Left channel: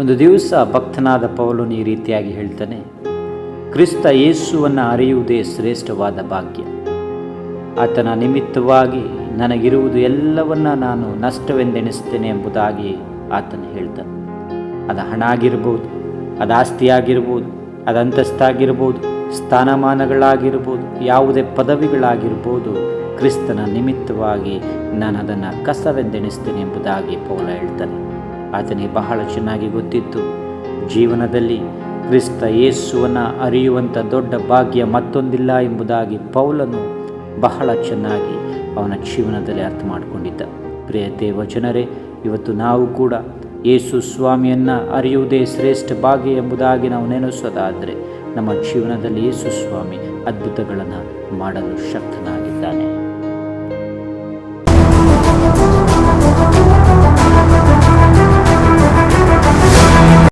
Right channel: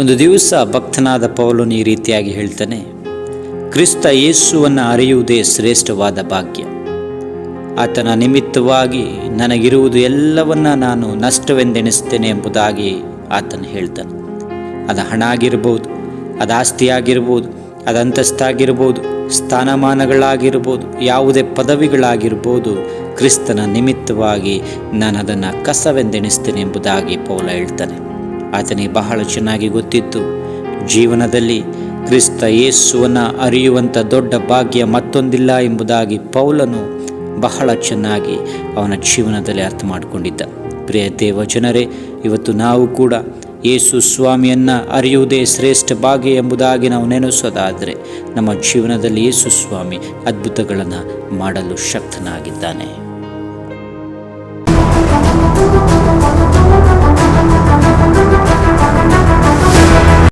ಒಂದು ದಿವಸ ಭಕ್ತನಾದ ಪೌಲನು ಈ ರೀತಿಯಾಗಿ ಹೇಳ್ತಾನೆ, ಕ್ರಿಸ್ತ ಯೇಸುವನ್ನು ಅರಿಯುವುದೇ ಶ್ರೇಷ್ಠವಾದ ಭಾಗ್ಯ. ಆತನ ನಿಮಿತ್ತವಾಗಿ ನನಗಿರುವುದು ಎಲ್ಲವನ್ನ ನಾನು ನಷ್ಟವೆಂದೆಣಿಸ್ತೇನೆ ಎಂಬುದಾಗಿ ಆತನು ಹೇಳ್ತಾನೆ. ಅದು ಹಣ ಆಗಿರ್ಬೋದು, ಅದು ಆಸ್ತಿ ಆಗಿರ್ಬೋದು, ಅದು ಅಂತಸ್ತಾಗಿರ್ಬೋದು, ಸ್ಥಾನಮಾನಗಳಾಗಿರ್ಬೋದು, ಯಾವುದೇ ಪದವಿಗಳಾಗಿರ್ಬೋದು, ಕ್ರಿಸ್ತನ ನಿಮಿತ್ತವಾಗಿ ನಾನು ಅದನ್ನು ಕಸವೆಂದೆಣಿಸ್ತೇನೆ ಎಂಬುದಾಗಿ ಪೌಲ ಹೇಳ್ತಾನೆ. ಆತನಿಗೆ ಬಹಳ ಚೆನ್ನಾಗಿ ಗೊತ್ತಿತ್ತು, ಜೀವನದಲ್ಲಿ ಕ್ರಿಸ್ತ ಯೇಸುವನ್ನು ಅರಿಯುವಂಥ ದೊಡ್ಡ ಭಾಗ್ಯ ಮತ್ತೊಂದಿಲ್ಲ ಎಂಬುದಾಗಿ ಪೌಲನು ಬಹಳ ಚೆನ್ನಾಗಿ ಅವನ ಜೀವನದಲ್ಲಿ ಅರ್ಥ ಮಾಡಿಕೊಂಡಿದ್ದ. ಪ್ರಿಯ ದೇವಜನರೇ, ಇವತ್ತು ನಾವು ಕೂಡ ಯೇಸು ಸ್ವಾಮಿಯನ್ನು ಅರಿಯುವುದೇ ಶ್ರೇಷ್ಠ ಭಾಗ್ಯ ಎಂಬುದಾಗಿ ನಾವು ನೆನೆಸೋದಾದರೆ ನಮ್ಮ ಜೀವನದಲ್ಲಿ ಯೇಸು ಸ್ವಾಮಿ ಅದ್ಭುತಗಳನ್ನು ಮಾಡಲು ಶಕ್ತನಾಗಿದ್ದಾನೆ.